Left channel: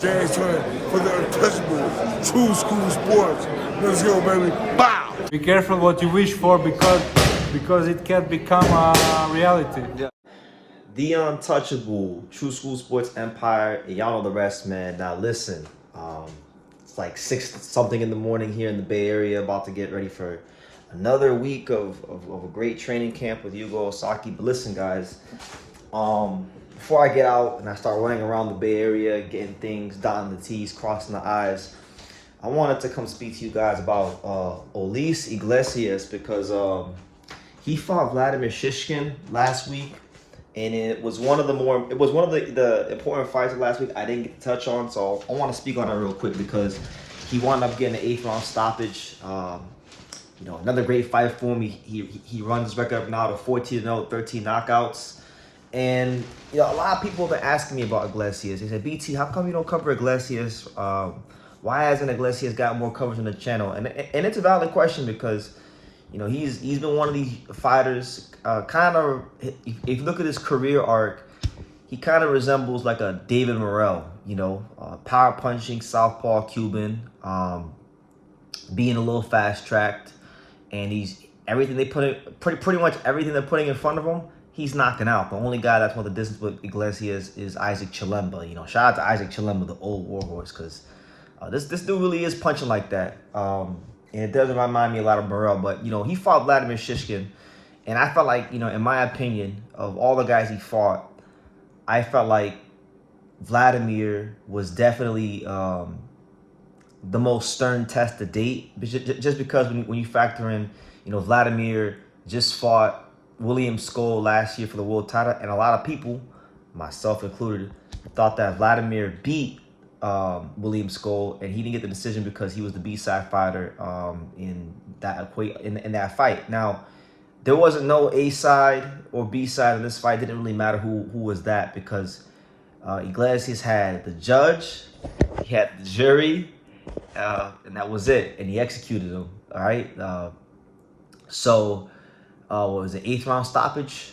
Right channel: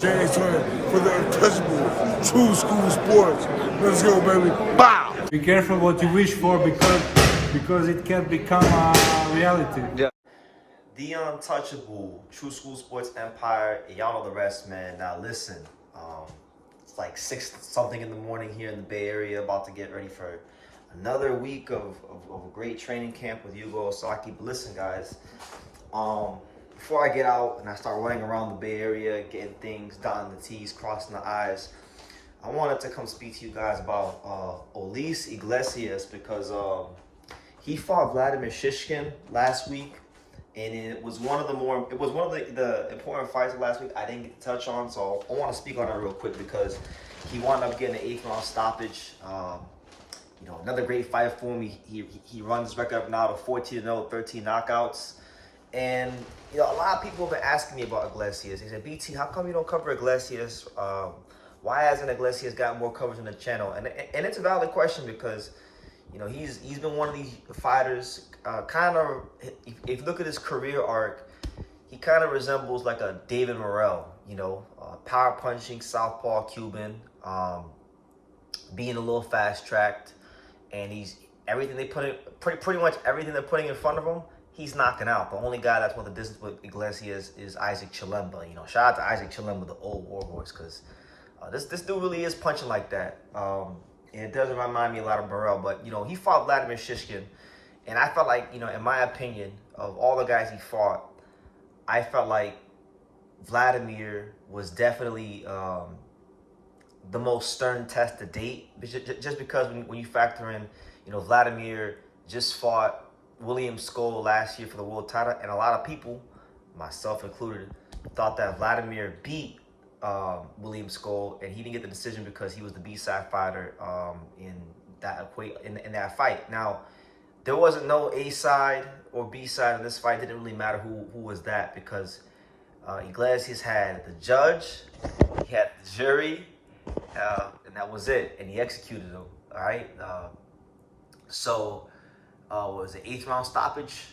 James Turner for the untouchable true school sports. Let's go, baby. Bow! Be careful what you wish for because it can become a reality. Yeah. The untouchable True School Sports Empire, and y'all know the rest, man. Now listen, it's like 6 something in the morning here in the Bay Area, about to get ready for another week of a great training camp with Yugo Osaki. But listen, guys, before I get out and I start running around the Bay Area, getting things, dotting the T's, crossing the I's, I wanted to come speak to you guys about Osleys Iglesias, because he fought Vladimir Shishkin last week. And it was one of the important fights of last week I didn't get to touch on, so I want to speak on it real quick because he wound up getting an 8th round stoppage. Another great fight for him. He runs his record up now to 14-0, 13 knockouts. And a lot of people have been asking me about Iglesias. They said, BT, how come you don't cover Iglesias? Why hasn't Iglesias got more coverage on the channel? And it's a valid question because he's been one of these fighters, kind of, if you look at his career arc, he kind of resembles like a David Morrell, power punching, southpaw Cuban, being a little fast tracked, and he's everything they put in, pretty much everything they're putting in front of him, he's knocking out. The only guy that's won the distance with Iglesias is Isaac Chilemba. Shout out to Isaac Chilemba, the old warhorse, because this dude really is punching like that. And it does remind me a lot of Morrell, but, he fought Vladimir Shishkin. And I felt like, in my opinion, of all the guys he fought, I felt like Vladimir was definitely the most stern test to date. Just because when you factor in, Vladimir just fought William Skoll last year for the world title. And a lot of people, myself included, thought that Vladimir beat William Skoll, and he didn't get the decision because he was the B-side fighter in that fight. Now, there wasn't no A-side or B-side in this fight. It didn't really matter who was that, because Iglesias had the judge, he had the jury, and that was it. And he executed them. All right. What was it? 8th round stoppage.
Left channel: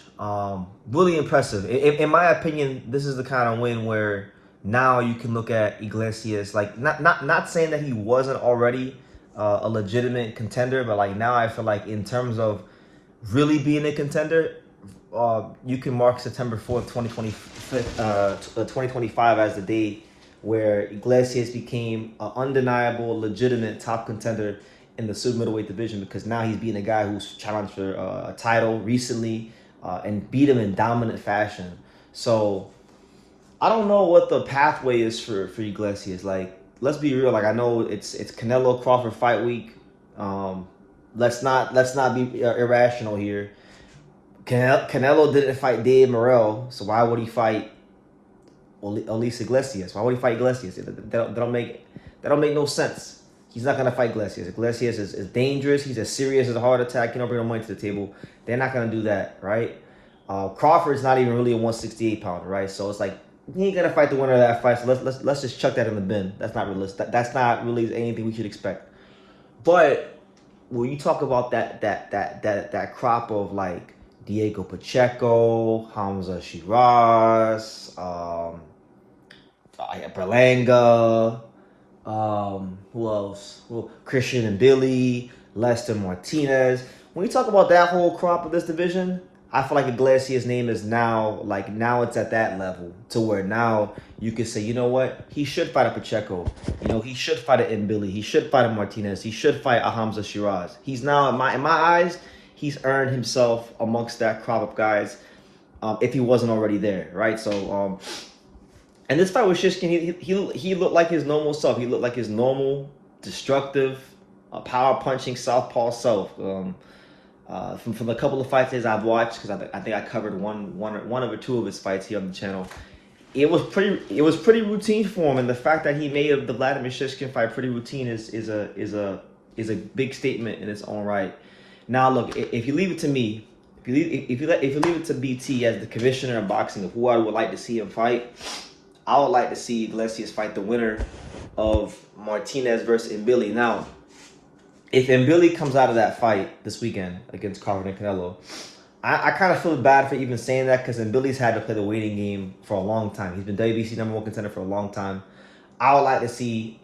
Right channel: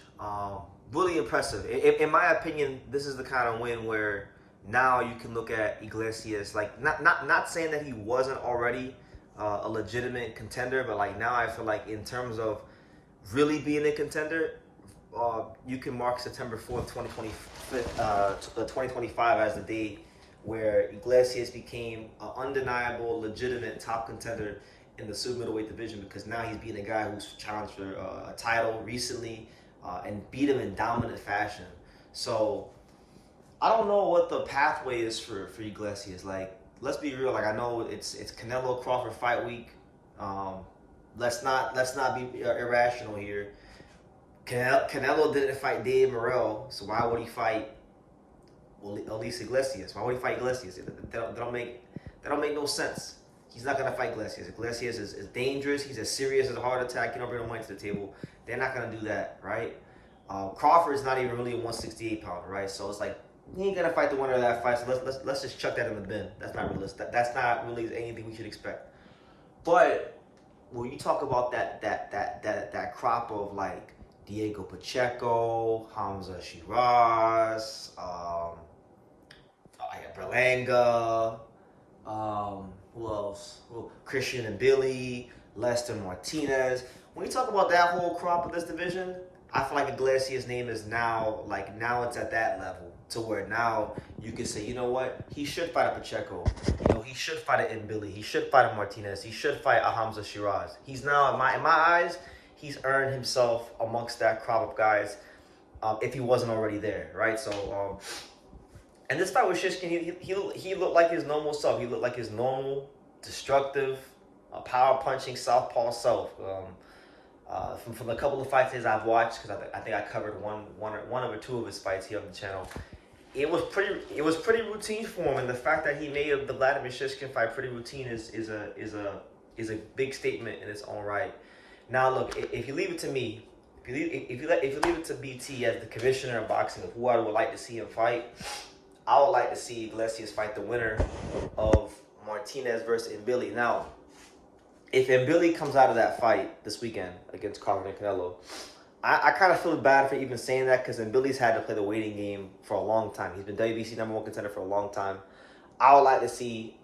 Really impressive. In my opinion, this is the kind of win where now you can look at Iglesias, like not saying that he wasn't already a legitimate contender, but like now I feel like in terms of really being a contender, you can mark September 4th, 2025 as the day where Iglesias became an undeniable, legitimate top contender in the super middleweight division, because now he's beating a guy who's challenged for a title recently and beat him in dominant fashion. So I don't know what the pathway is for Iglesias. Like, let's be real. Like, I know it's Canelo Crawford fight week. Let's not be irrational here. Canelo didn't fight Dave Morrell, so why would he fight Osleys Iglesias? Why would he fight Iglesias? That don't make no sense. He's not gonna fight Iglesias. Iglesias is dangerous. He's as serious as a heart attack. You don't bring no money to the table. They're not gonna do that, right? Crawford's not even really a 168 pounder, right? So it's like, he ain't gonna fight the winner of that fight. So let's just chuck that in the bin. That's not realistic. That's not really anything we should expect. But when you talk about that crop of like Diego Pacheco, Hamza Shiraz, Berlanga, who else? Well, Christian and Billy, Lester Martinez. When you talk about that whole crop of this division, I feel like Iglesias' name is now it's at that level to where now you can say, you know what? He should fight a Pacheco. He should fight a Mbili. He should fight a Martinez. He should fight a Hamza Shiraz. He's now, in my eyes, he's earned himself amongst that crop of guys, if he wasn't already there, right? So, and this fight with Shishkin, he looked like his normal self. He looked like his normal, destructive, power punching southpaw self. From a couple of fights I've watched, because I think I covered one or two of his fights here on the channel, it was pretty routine for him, and the fact that he made the Vladimir Shishkin fight pretty routine is a big statement in its own right. Now look, if you leave it to me, if you leave it to BT as the commissioner of boxing of who I would like to see him fight, I would like to see Iglesias fight the winner of Martinez versus Mbili. Now, if Mbili comes out of that fight this weekend against Crawford and Canelo, I kind of feel bad for even saying that, because Mbili's had to play the waiting game for a long time. He's been WBC #1 contender for a long time. I would like to see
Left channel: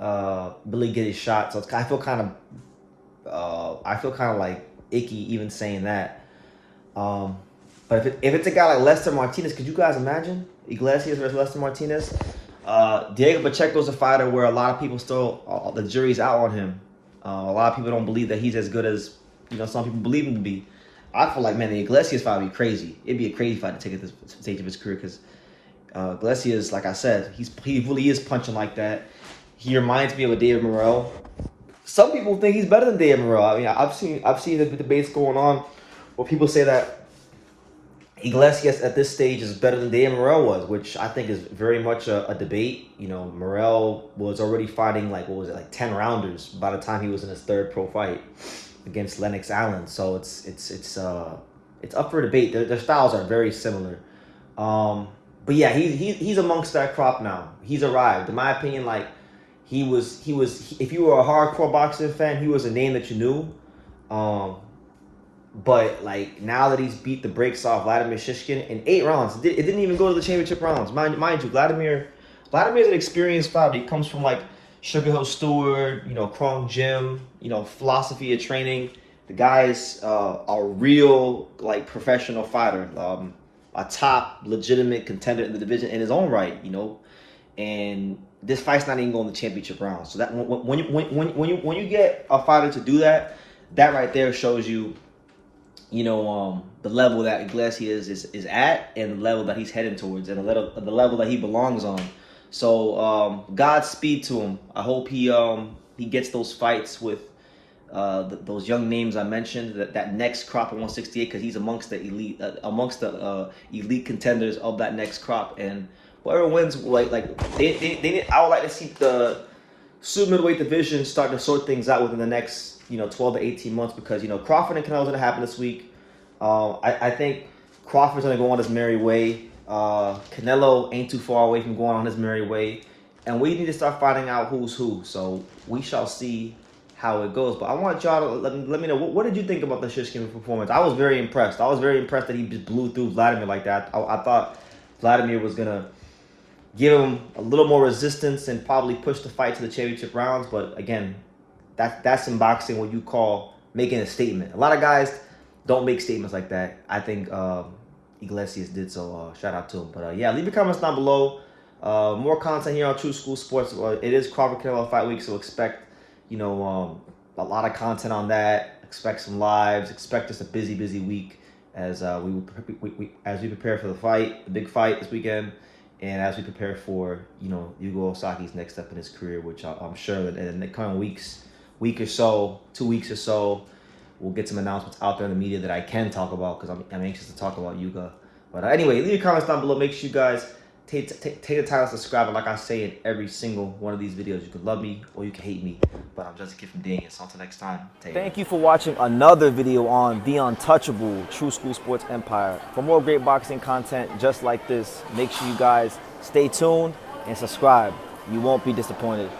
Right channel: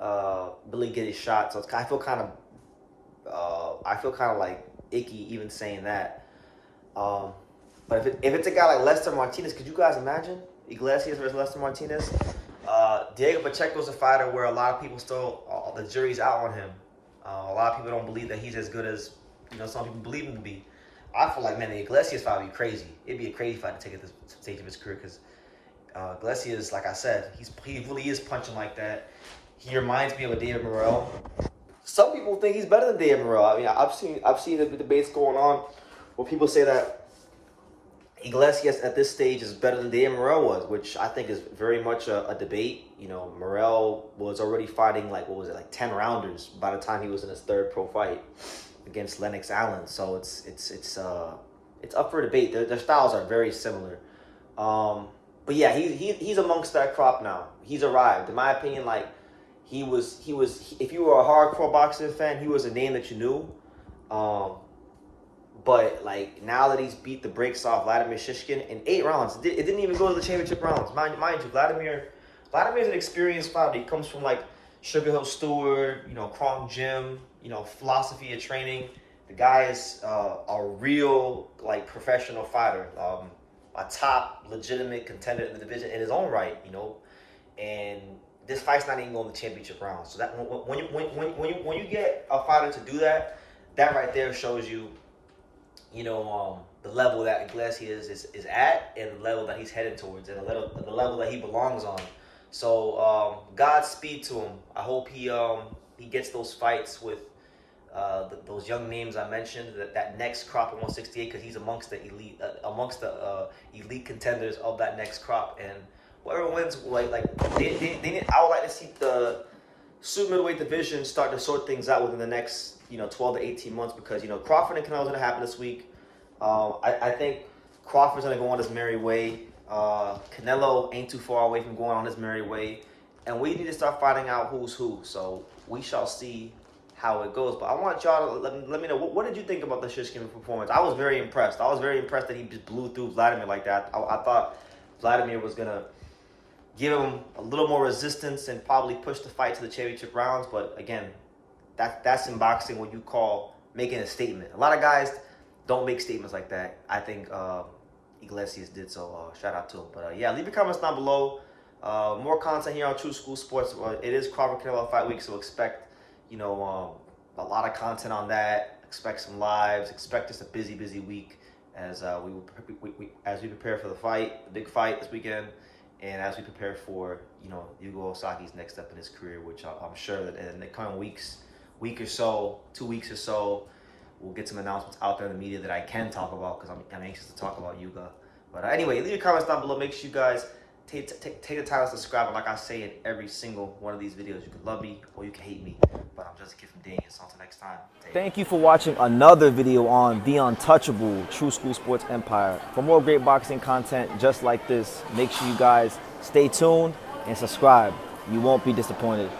Billy get his shot. So I feel kind of like icky even saying that. But if it's a guy like Lester Martinez, could you guys imagine Iglesias versus Lester Martinez? Diego Pacheco's a fighter where a lot of people still, the jury's out on him. A lot of people don't believe that he's as good as, some people believe him to be. I feel like, man, the Iglesias fight would be crazy. It'd be a crazy fight to take at this stage of his career because Iglesias, like I said, he really is punching like that. He reminds me of a David Morrell. Some people think he's better than David Morrell. I mean, I've seen the debates going on where people say that Iglesias at this stage is better than David Morrell was, which I think is very much a debate. Morrell was already fighting like 10 rounders by the time he was in his third pro fight against Lennox Allen. So it's up for debate. Their styles are very similar. But yeah, he's amongst that crop now. He's arrived. In my opinion, like he was if you were a hardcore boxing fan, he was a name that you knew. But like now that he's beat the brakes off Vladimir Shishkin in 8 rounds, it didn't even go to the championship rounds. Mind you, Vladimir's an experienced fighter. He comes from like Sugar Hill Stewart, Krong Gym, philosophy of training. The guy is a real like professional fighter, a top legitimate contender in the division in his own right, And this fight's not even going to the championship round. So that when you get a fighter to do that, that right there shows you. The level that Iglesias is at and the level that he's heading towards and the level that he belongs on. So Godspeed to him. I hope he gets those fights with those young names I mentioned, that next crop of 168, because he's amongst the elite contenders of that next crop. And whoever wins, they I would like to see the super middleweight division start to sort things out within the next 12 to 18 months, because Crawford and Canelo's going to happen this week. I think Crawford's going to go on his merry way. Canelo ain't too far away from going on his merry way, and we need to start finding out who's who. So we shall see how it goes. But I want y'all to let me know, what did you think about the Shishkin performance? I was very impressed. I was very impressed that he just blew through Vladimir like that. I thought Vladimir was going to give him a little more resistance and probably push the fight to the championship rounds. But again, that's in boxing what you call making a statement. A lot of guys don't make statements like that. I think Iglesias did, so shout out to him. But yeah, leave your comments down below. More content here on True School Sports. It is Crawford Canelo fight week, so expect a lot of content on that. Expect some lives. Expect just a busy week as we prepare for the fight, the big fight this weekend. And as we prepare for, Yugo Osaki's next step in his career, which I'm sure that in the coming week or so, 2 weeks or so, we'll get some announcements out there in the media that I can talk about, because I'm anxious to talk about Yuga. But anyway, leave your comments down below. Make sure you guys take the time to subscribe. And like I say in every single one of these videos, you can love me or you can hate me. But I'm just a kid from Daniel. So until next time, thank you for watching another video on the untouchable True School Sports Empire. For more great boxing content just like this, make sure you guys stay tuned and subscribe. You won't be disappointed.